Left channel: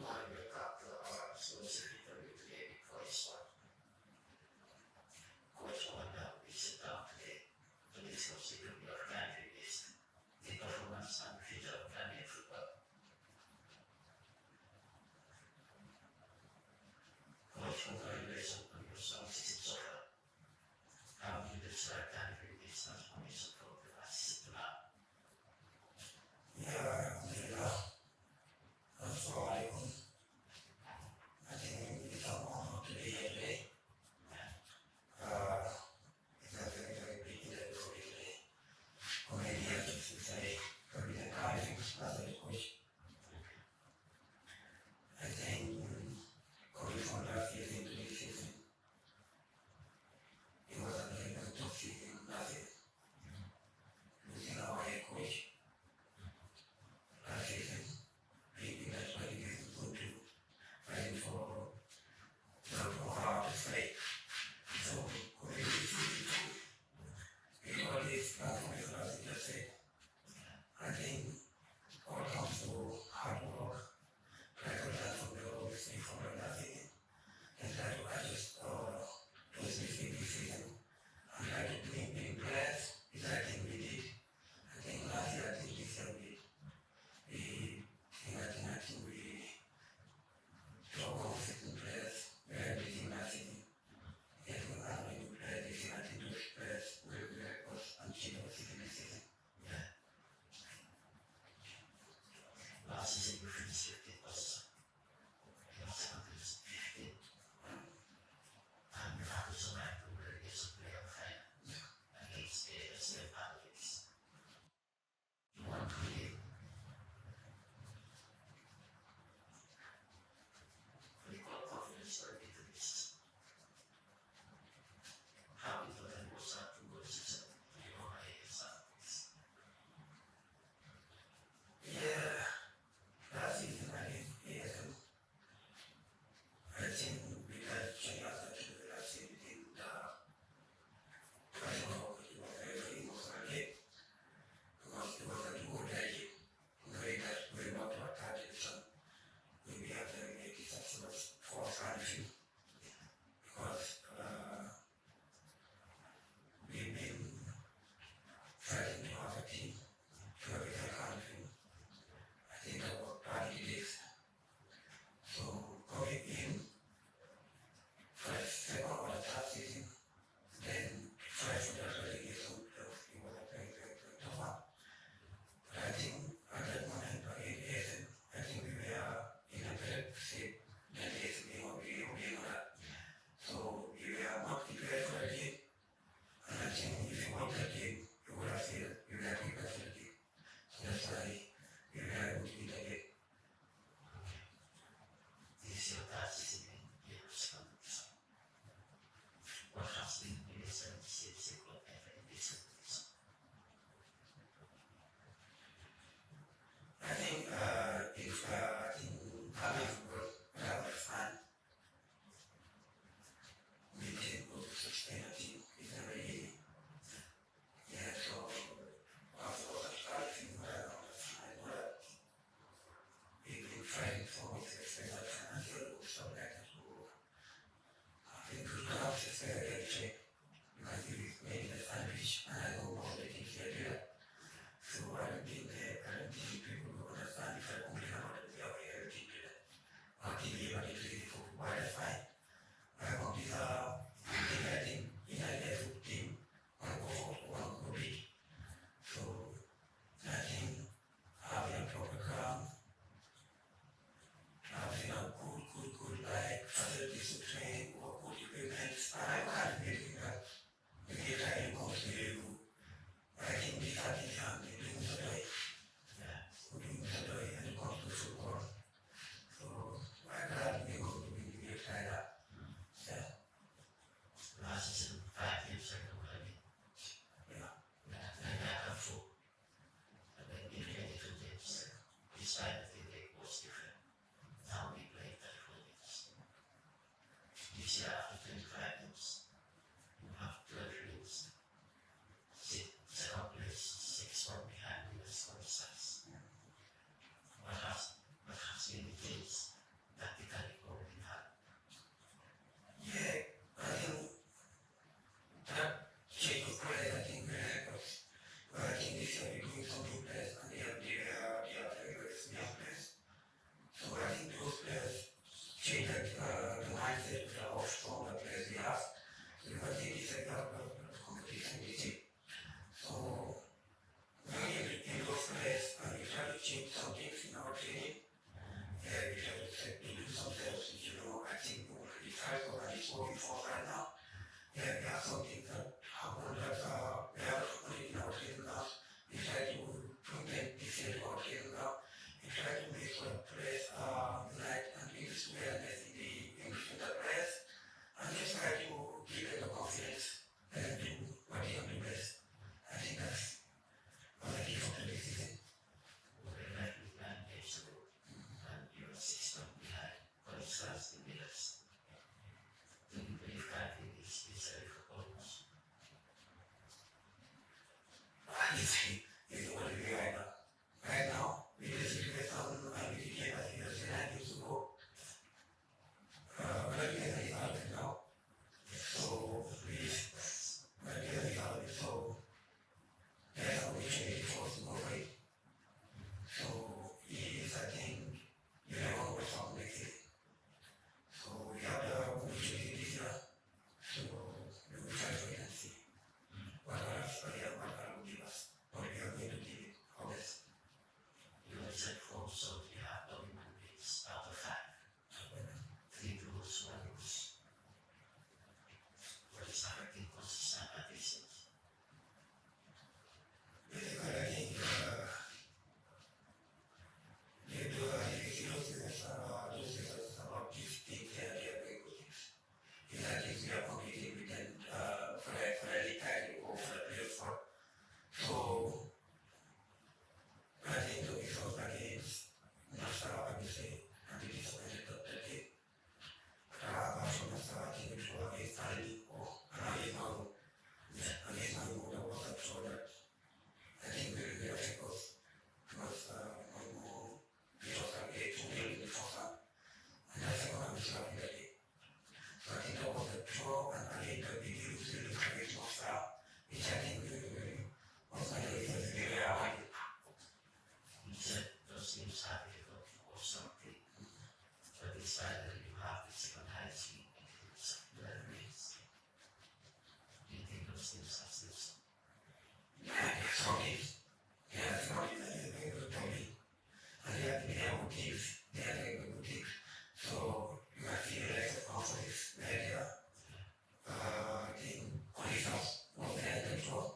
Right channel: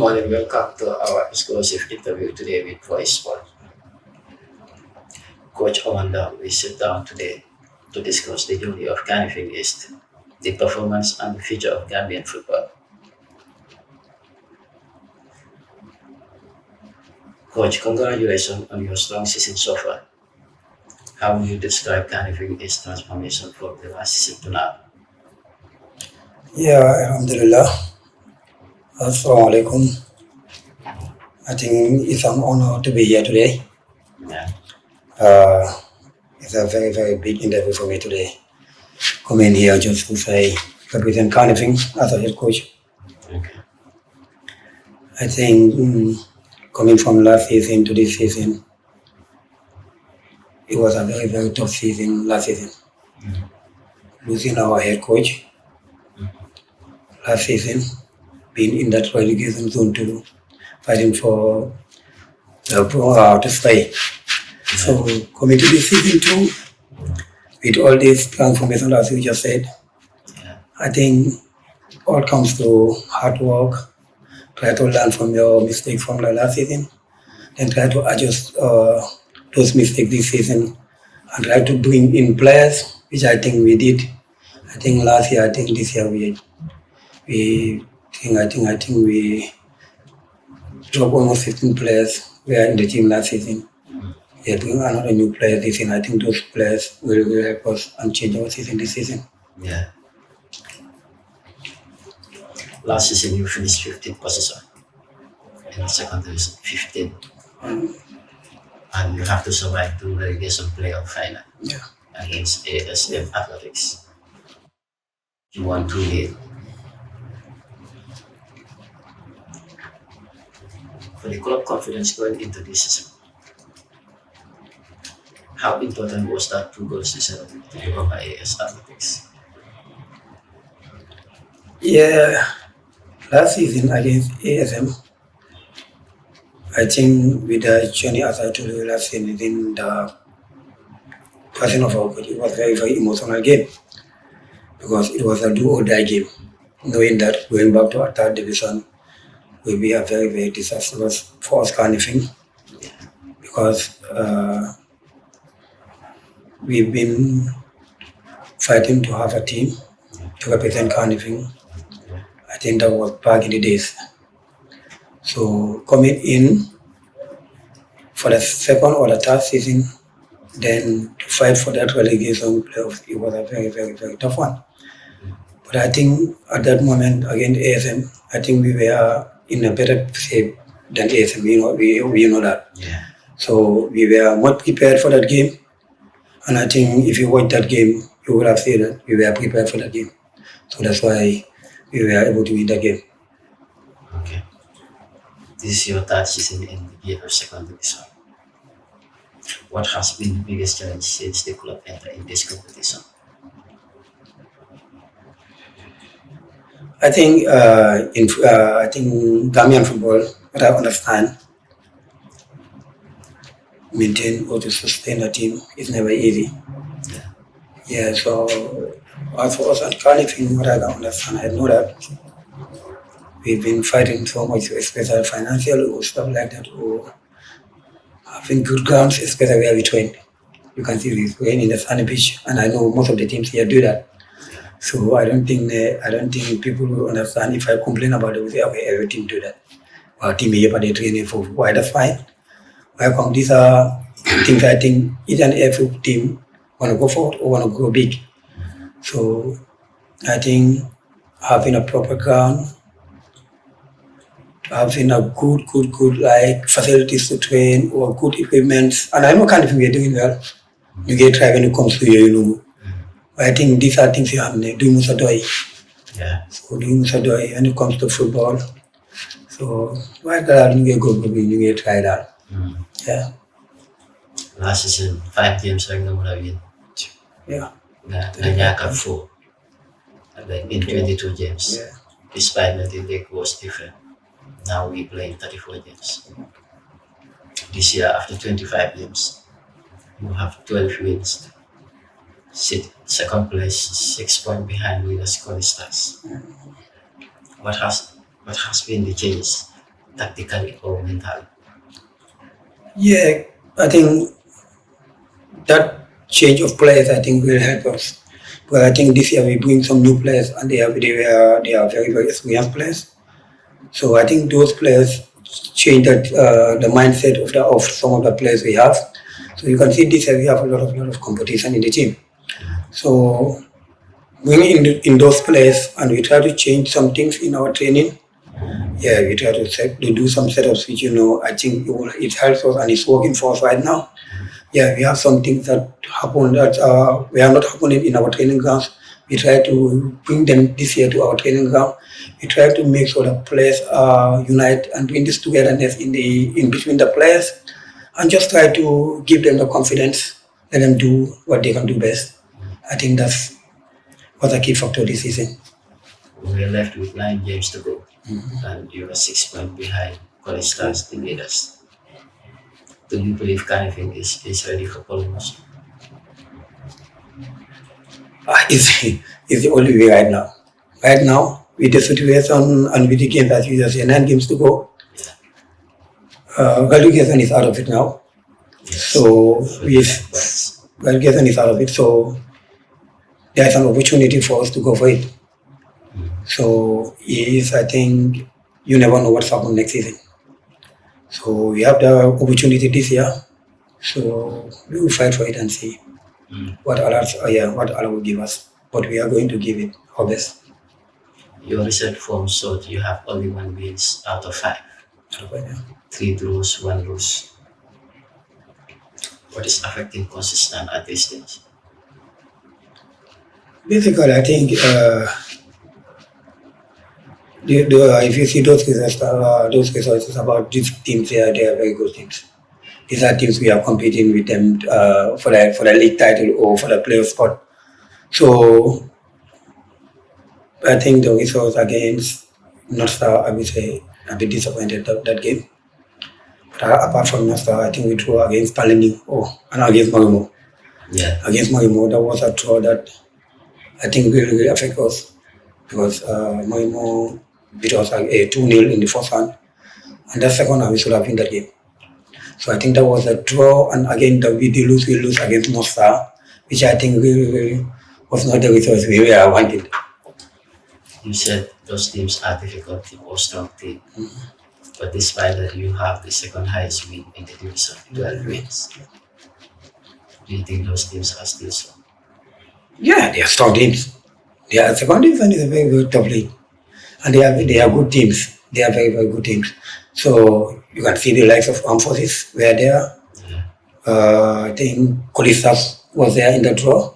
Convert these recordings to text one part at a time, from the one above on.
Morning, welcome to our exclusive interview today with Voice Sport. Coach Amanda, we sit down today to discuss the journey of Kanifing East, the performance and the future of Gambian football. Coach, congratulations on your strong season so far. How would you describe Kanifing East transformation from the last season to now? Yeah, Alhamdulillah. Assalamu alaikum. I think it's an honor to be here today. Yeah, Uh, it's a very, very big interview for me today. Coming here just to say, represent Kanifing as a head coach. okay. I think coming from last season to this season, it was a very, very tough season last season. Losing our head coach last season, being in that relegation zone to fighting for to stay. So coming to this season too, with all this transformation as you just said, Yeah, I think all comes to hard work, try to learn from your mistakes from the last season, and try to adjust those mistakes this season and try to bring in players, which I think we did. I think last year, I think this year I think we dropped almost 15 players. We are in the team last season. We are bringing another new player this season. I think those players will help us and change our season this season. yeah. Last season you finished 15th position in the second division, 15, and you have to survive to relegation playoff final Yeah. against ASM Athletics. You won 2-0. For the club confidence going into this season, how important was that 2 goals to 0 to the over AS Athletics? Yeah, last season against ASM, I think with the journey as I told you last season, in the passing of our coach, it was very, very emotional game because it was a do or die game. Knowing that going back to our third division will be a very, very disastrous for us kind of thing because we've been fighting to have a team to represent Carnifing. I think that was back in the days. So coming in for the second or the third season, then to fight for that relegation playoff, it was a very, very, very tough one. But I think at that moment against ASM, I think we were in a better shape than ASM. We know that. Yeah, So we were much prepared for that game. And I think if you watch that game, you would have seen that we were prepared for that game. So that's why we were able to win that game. okay. This is your third season in the year of second division. What has been the biggest challenge since the club entered in this competition? I think I think Gambian football, what I understand, maintain or to sustain a team is never easy. Yeah, Yeah, so as for us at Kanifing, what I don't understand, I know that we've been fighting so much, especially financial or stuff like that, or having good grounds, especially where we train. You can see we train in the sunny beach, and I know most of the teams here do that. So I don't think people will understand if I complain about it. They say, okay, every team do that. Our team here, but they training for why that's fine. Why come these are things I think each and every team want to go forward or want to go big. So I think having a proper ground, having a good like facilities to train or good equipment, and I know kind of we're doing well. You get try when it comes to you. I think these are things you have to do Musadoi. yeah. So doing Musadoi when it comes to football. So why can't you get you get try that? Yeah. Last season, 5 games lang naman na win. Yeah. Nanyakap 4. In 22 games. Yeah. Despite that the league was different. Now we play 34 games. This year, after 25 games, you have 12 wins. Second place, 6 points behind Winners College Stars. What has been the change tactically or mentally? Yeah, I think that change of players, I think, will help us. But I think this year we bring some new players, and they are very very experienced players. So I think those players change the mindset of some of the players we have. So you can see this year we have a lot of competition in the team. So bringing in those players, and we try to change some things in our training. Yeah, we try to do some setups which I think it helps us and it's working for us right now. Yeah, we have some things that happen that we are not happening in our training grounds. We try to bring them this year to our training ground. We try to make sure the players unite and bring this togetherness in between the players, and just try to give them the confidence, let them do what they can do best. I think that's was a key factor this season. We are left with 9 games to go, and you are 6 points behind College Stars, the leaders. Do you believe Kanifing is ready for promotion? Is the only way right now. Right now, with the situation and with the game as you just say, 9 games to go, relegation is out of it now. Yes. So Forty-nine if points. relegation is out of it, so there's an opportunity for us to go for it. So is I think you never know what's happening next season. So we have the opportunity this year. So we will fight for it and see what Allah will give us. But we are going to give it our best. Your research form showed you have only 1 wins out of 5. So, 3 draws, 1 lose. What is affecting consistent at this stage? basically, I think if you see those results it's about these teams, they are very good teams. These are teams we are competing with them for the league title or for the playoff spot. So I think the results against North Star, I would say, a bit disappointed that game. But apart from North Star, I think we drew against Palani and against Marimo. Yeah. Against Marimo, that was a draw that I think really affect us because Marimo beat us 2-0 in the first hand, and the second hand we should have win that game. So I think that was a draw, and again we lose against North Star, which I think really was not the results we were wanting. You said those teams are difficult team or strong team, but despite that, you have the second highest win in the division, 12 wins. Do you think those teams are still strong? Yeah, they are strong teams. They are second division is a very very tough league, and they are good teams. They are very very good teams. So you can see the likes of Armed Forces were there. Yeah. I think Kolisas was there in the draw.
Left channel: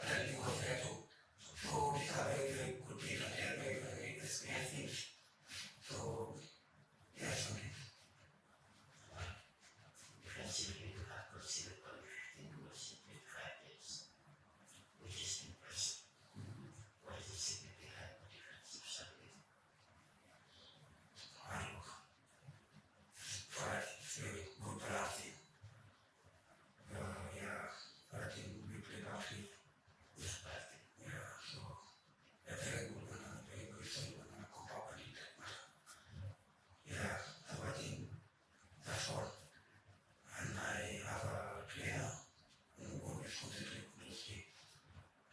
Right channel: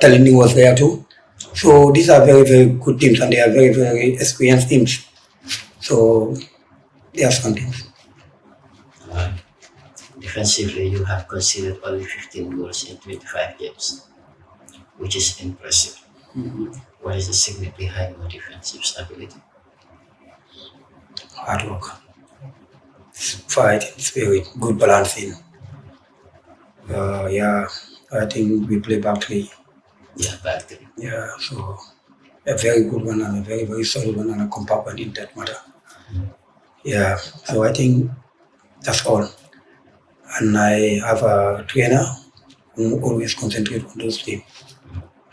Talending was there too. So these are very very good teams, and they are very very experienced teams. So they are strong teams. Uh, Defensively, you have conceded only 15 goals in 25 games, which is impressive. What is the secret behind your defensive stability? Hard work, fight, spirit, good balancing. Yeah, I think we play back three. Yeah, back three. Yeah, so a very good one and a very, very solid one and a compact one in that matter. Yeah, so I think that's all. And I have a trainer who always concentrate on those things.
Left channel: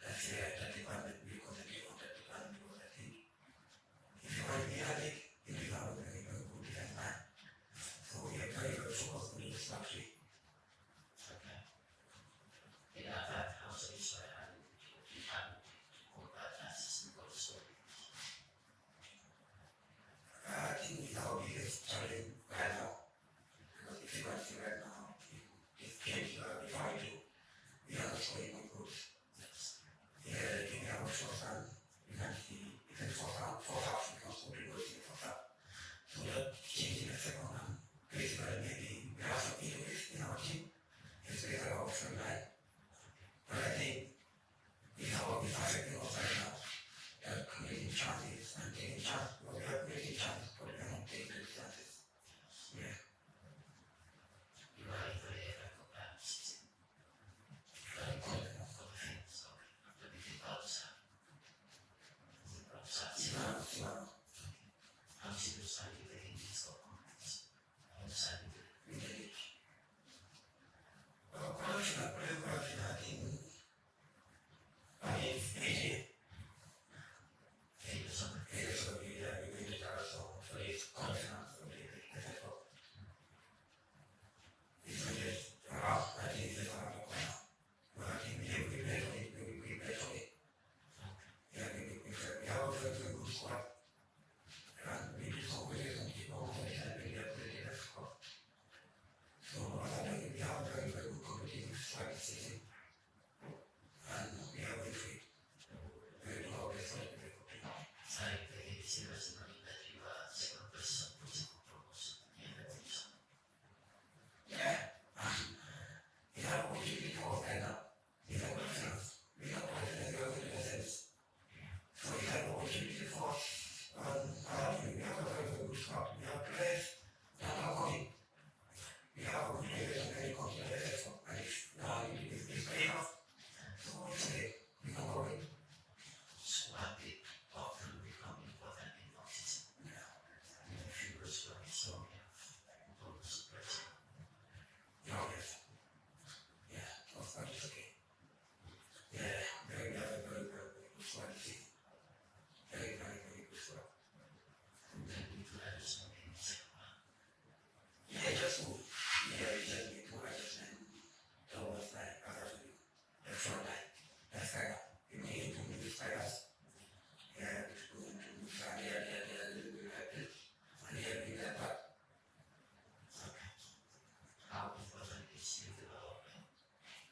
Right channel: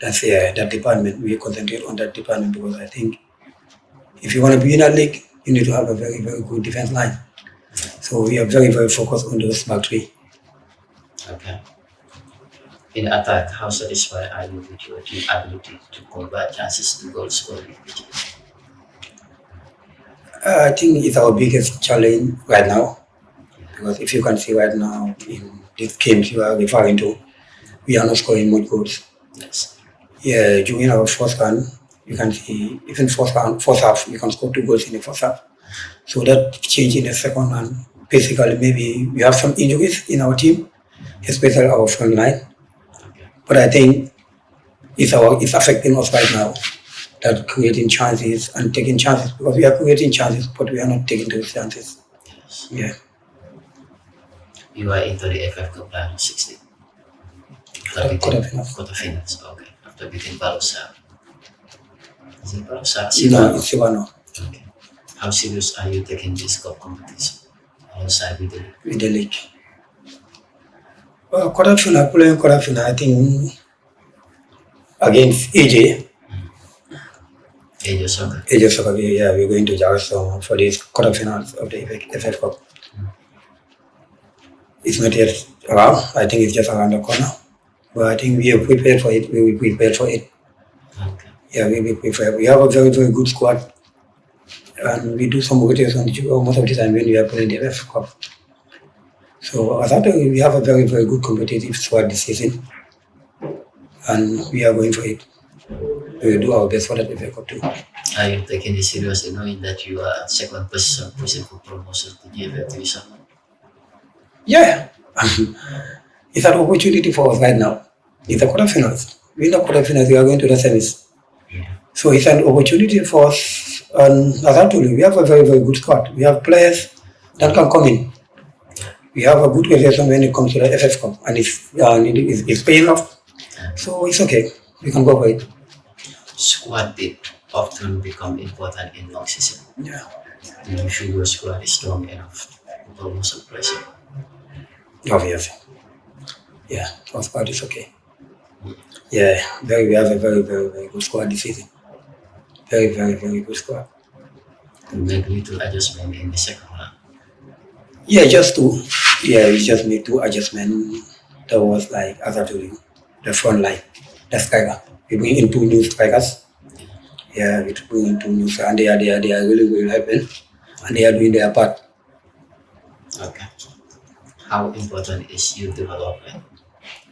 That's that department. We concentrate on that department because I think if you want to be in a league, you need to have a very, very good defense line. So we are very, very focused on those back three. Okay. In attack, how satisfied are you with your team ability to convert chances to goals scoring? I think it's our biggest challenge right now because if you can see right now in these games you are referring to, we are not scoring much goals. Yes. Yeah, during our first run, you can see even first half, we can score 2 goals in the first half. So that change in the second run, basically maybe we have some injuries in our team, especially our front line. Okay. But I think it's affecting us right now. That creating chances and taking chances because we are creating chances, but we are not taking those chances. Yes. Yeah, You are into the FF Cup round of 16. After could beating have enough. quarterfinals. Okay. After beating Barossa. Is it Barossa? No, Sivano. it's Sivano. Okay. How serious are you taking this cup competition alongside with the league? with the league. Quarterfinal, playing quarterfinal, I think against Soccer. AJ Soccer, yeah, we're going to Jarson for this quarterfinals of the FF Cup. It's not yet around. I think it's just around the corner. But I think we are prepared for it. We will prepare for it. Okay. Yeah, we will prepare. We have a very, very good squad. And we do some rotation most of the time when we are playing the FF Cup. So I thought we have a very, very good competitive squad this season. And we are going for it. We will do our best for that FF Cup too. Are you taking this seriously knowing that you are at second position pushing for promotion to GFF division? Yeah. It's an opportunity for us right now. It's a quarterfinals. We know quarterfinals, we are going to the semis. Yeah. So it's an opportunity for us. And as I told you, we have a very, very good squad. We have players that can come in. We have a good reputation when it comes to the FF Cup, and it's paying off. So it's okay. We can go for it. Squad depth often become important in long season. Yeah. Do you feel your squad is strong enough for promotion pressure? Obviously. Yeah, our squad is okay. Yeah, we have a very, very, very good squad this season. Very, very, very good squad. To make little adjustment in the second round. Yeah, we just made 2 adjustments. That was like, as I told you, the front line, the striker. We bring in 2 new strikers. Yeah, we bring in 2 new strikers, and they are really, really helping, and they are doing their part. Okay. How important is youth development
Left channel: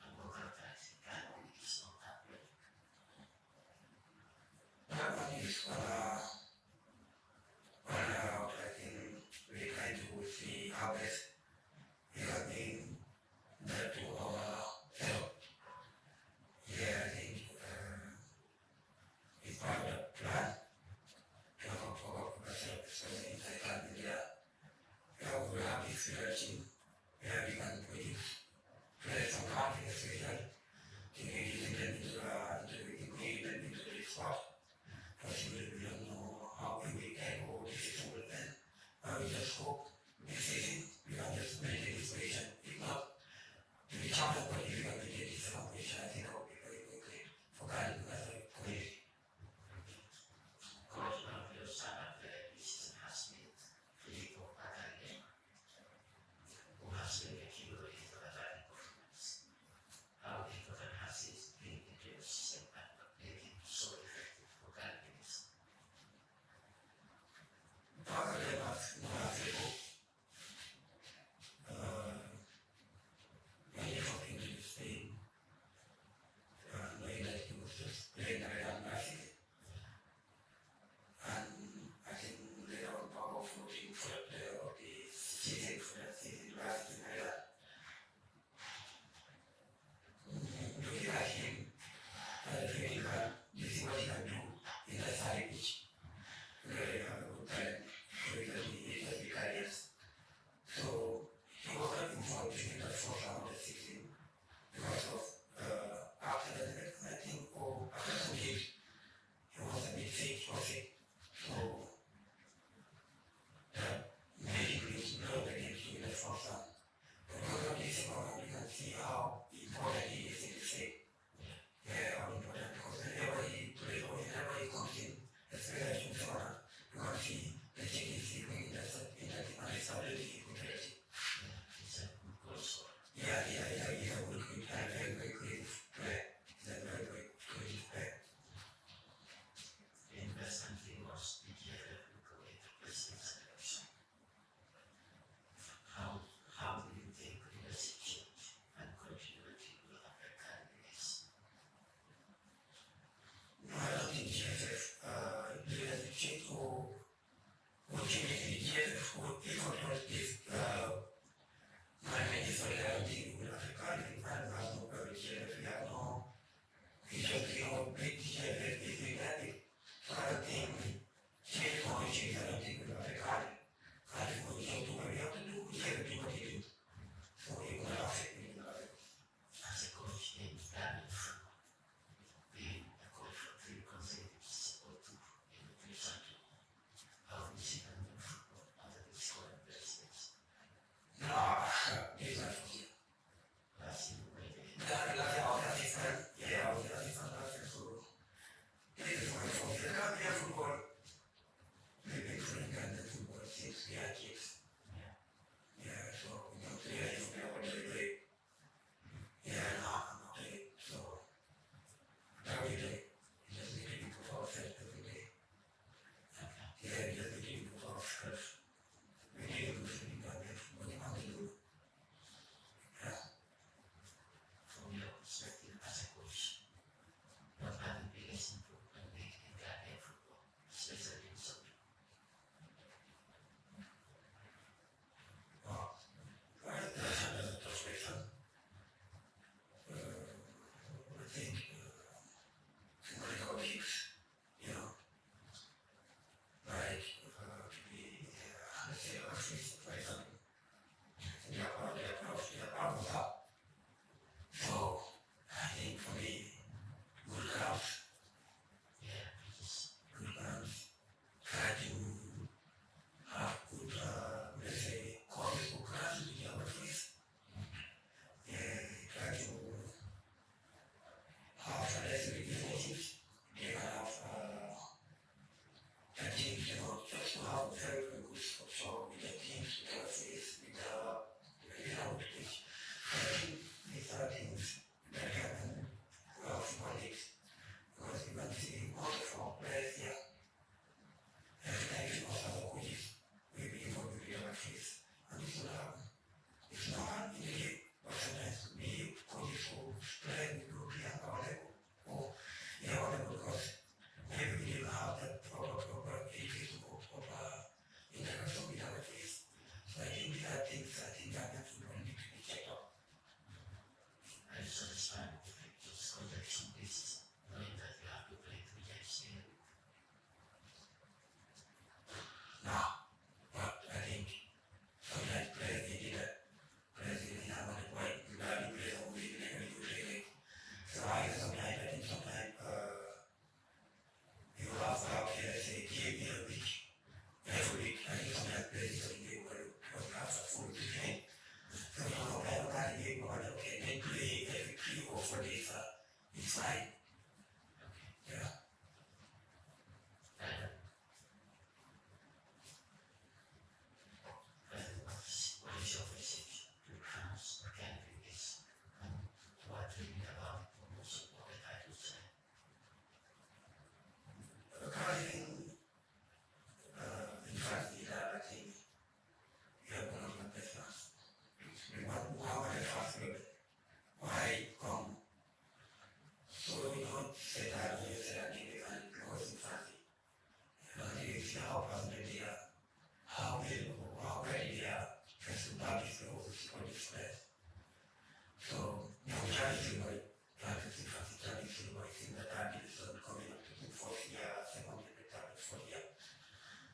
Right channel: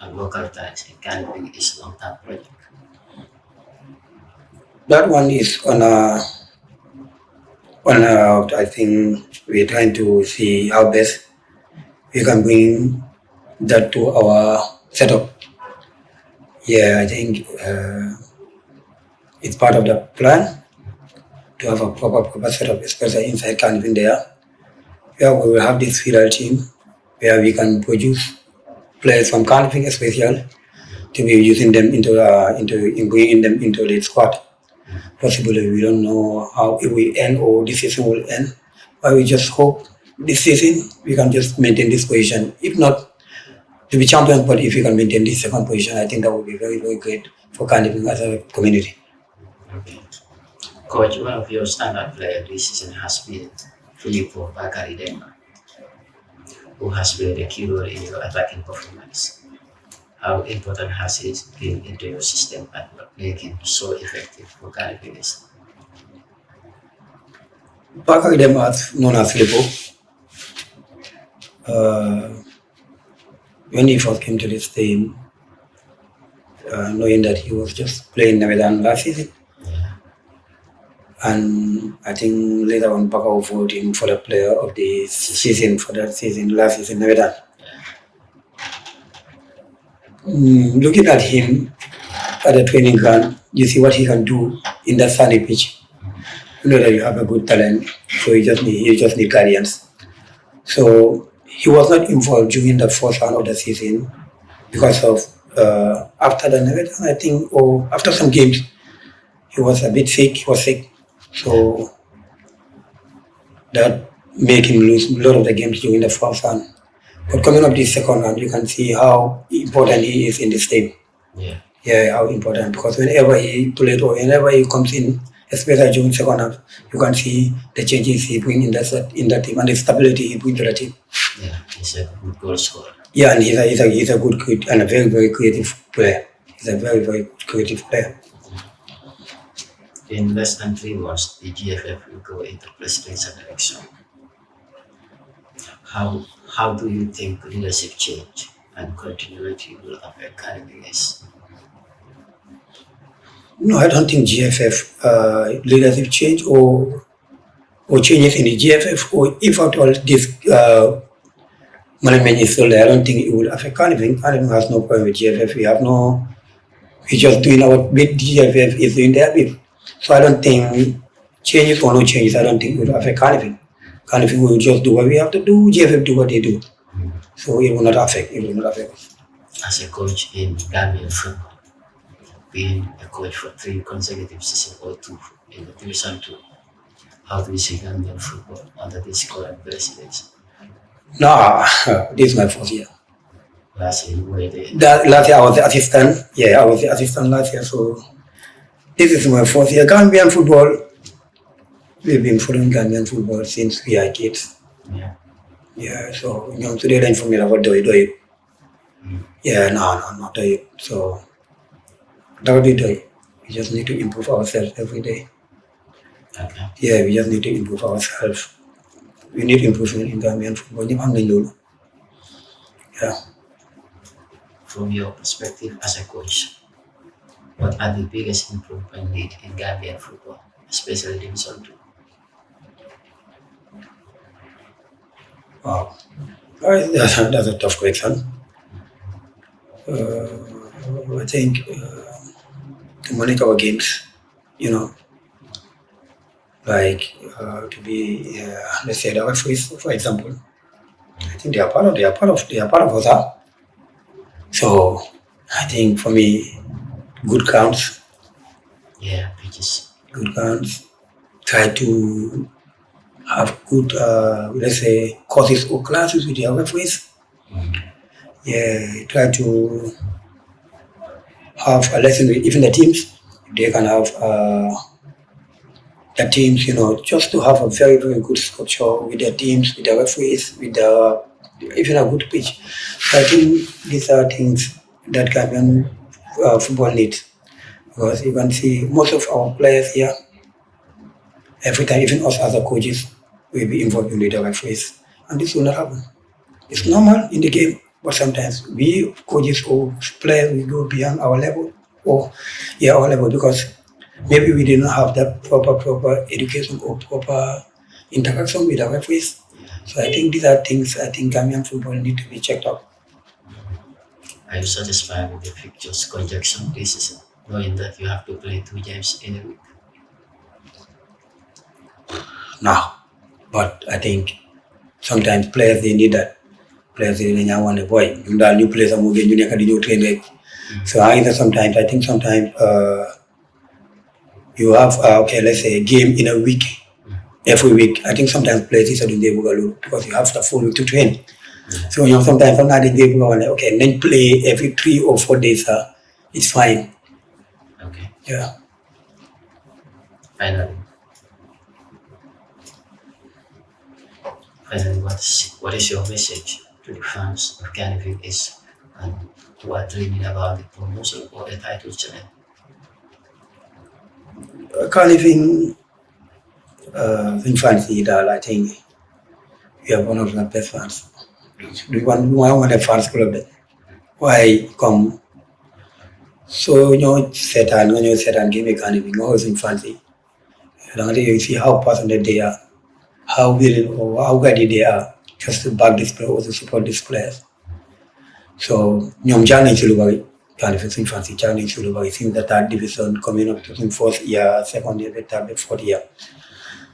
and local talents in Kanifing is long-term project? That one is I think we're trying to see how best we can bring that to our setup. Yeah, I think it's part of the plan to have a proper setup, especially inside Kanifing there. Yeah, we will have this federal team where we can produce players from Kanifing especially to be using them in bringing them into the squad. Possibly we don't know how it will end or this season will end, but we just hope this season we can just maintain this position. If not to be champions, but if we can maintain this second position, I think that would be very, very great for Kanifing as a community. Okay. Coach, one of your standard players this season has been Filippo Bakaridema, who has played a key role in your attacking performance. How important has he been into your system and what made him so effective for Kanifing? Bakari them as known as Filippo. When he first came to this team, knowing that he was just playing Navedan last season, and I think later on Bakao voted him for the player of the season for that season, last season, Navedan. Looking at him at the training ground, you see what he can do in that sunny pitch. You know that you have a good talent, so you just need guidance. So he was not involved during the first round of the season because of after the Navedan, I think, or after some games, he was a bit sick. He was sick, so that made him lose a lot of the games during the first round. But coming up this second round, you can see how important he is in this team. Yeah, how important, because whenever he plays or whenever he comes in, especially during second half, you can see the changes he brings in that team and the stability he brings to the team. Yeah, he's a good goal scorer. Yeah, and he's a good and a very, very creative player. He's a very, very creative player. In less than 3 months, the GFF will go into presidential election. How do you think leadership change and continuity will affect Kanifing? No, I don't think GFF leadership change or changes in the GFF, or if at all this management is still there, I don't think it will affect Kanifing. Kanifing has no problem with GFF. We're just doing our bit. GFF is doing their bit. So I don't think changes or no changes, I don't think it will affect Kanifing. Kanifing will just do what we have to do. GFF do what they do. So it will not affect. It will not affect us. As a coach in Gambian football, being a coach for 3 consecutive seasons or 2 in the Division 2, How do you see Gambian football under this current presidency? No, this is my fourth year. Last year you were there. Last year I was the assistant. Yeah, I was the assistant last year. So this is my fourth year. Gambian football, we've been following Gambian football since we are kids. Yeah. Yeah, so today then for me about do it. Yeah, no, not do it. So that would be do it. We just need to improve ourselves every day. Okay. Yeah, we just need to improve ourselves. We need improvement in Gambian football. Yeah. From your perspective as a coach, what are the biggest improvement need in Gambian football, especially Division 2? Wow. That's a tough question. I think to monitor our games, like to be, let's say, the referees, for example. I think they are part of us. So I think for me, good counts, Yeah, pitches. good counts. Try to have good, let's say, courses or classes with the referees. Yeah, try to have a lesson with even the teams. They can have the teams, just to have a very, very good structure with the teams, with the referees, with the even a good pitch. So I think these are things that Gambian football needs. Because you can see most of our players here, every time, even us as a coaches, will be involved in the referees. And this will not happen. It's normal in the game, but sometimes we coaches or players we go beyond our level or our level because maybe we did not have that proper education or proper interaction with our referees. So I think these are things I think Gambian football need to be checked out. Are you satisfied with the fixtures conjunction this season, knowing that you have to play 2 games in a week? No, but I think sometimes players they need that. Players they need one boy. You play some game, you need to train like. So I think sometimes you have okay, let's say a game in a week, every week. I think sometimes players is doing the because you have the full week to train. So sometimes I'm not in the okay, then play every 3 or 4 days. It's fine. Okay. Yeah. Finally, what is your message to the fans of Kanifing is and who are dreaming about the promotion or the title challenge? Kanifing in France, I think we are one of the best fans. We want the fans club. Why come? So setan give me Kanifing. Always in France. And you see how passionate they are, how willing or how ready they are just to back this player or to support these players. So challenge Chilubari, Kanifing in France, challenge Chilubari, since the third division coming up to in fourth year, second year, third, fourth year.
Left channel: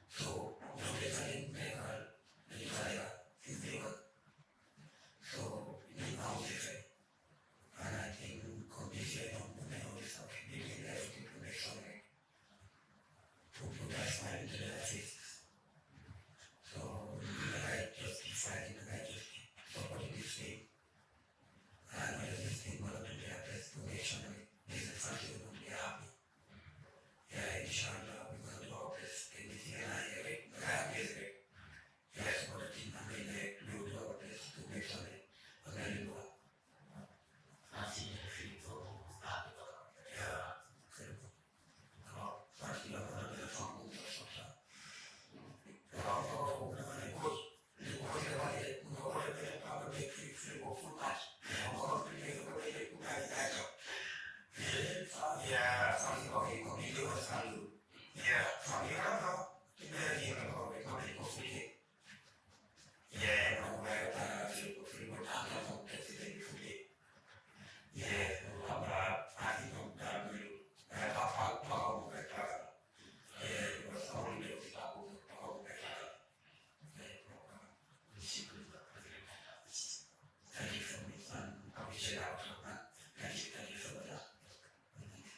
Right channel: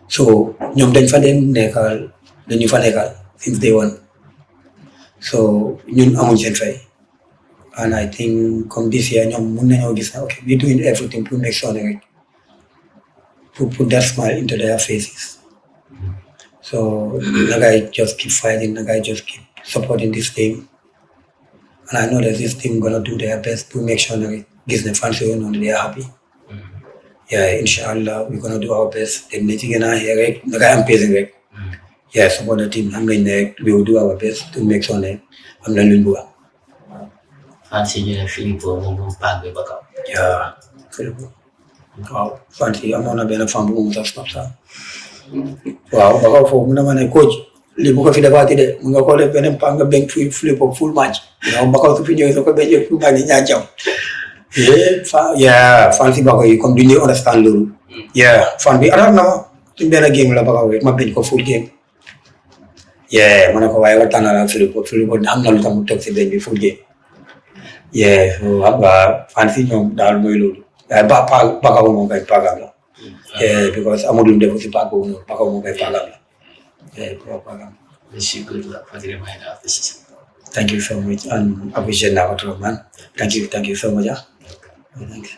So dañ fa dem nekkal dañu fa nekkal since day one. So ñun amuñ seen fay. And I think come this year ñoom mun nañoo gis okay, we're doing everything to make sure to put that smile into their faces. So the guy just keep fighting, the guy just keep supporting this team. And I know that this team gonna do their best to make sure that gives the fans they are happy. Yeah, inshallah, we're gonna do our best. The guy I'm pacing right. Yeah, support the team. We will do our best to make sure that I'm not losing. Fancy ñu ne Filippo moom moom paak bi ba kaw. Yeah, Filippo. Wow, fancy amoon na benn fan bu mu sax stop sax. Waaw ba kaw foofu mu ne ma ne coach lii bu ko fi defaati de mu nga xoolee beneen paa nga benn Filippo full match. Ba kaw su fi ñëwee soo ko benjee full match ñaa jam. Yeah, fancy ba ko yi comme du ñu understand loolu. Yeah, fan bi attaque na ma suñ benn game la ba kaw ma benn ko full game. Yeah, mana ko waaye waxtaan naa la Filippo xam na lu tax mu toog si benn bi full game. Yeah, so fancy ñoom daal mooy loolu. waaye bakaw moom kay paagam la. Yeah, because amul lu mu def si paag boobu noonu bakaw moom kay paagam la. Yeah, paagam. Wish you good luck for the remainder of the season. Thank you so much and appreciate that, man. Thank you so much. Thanks.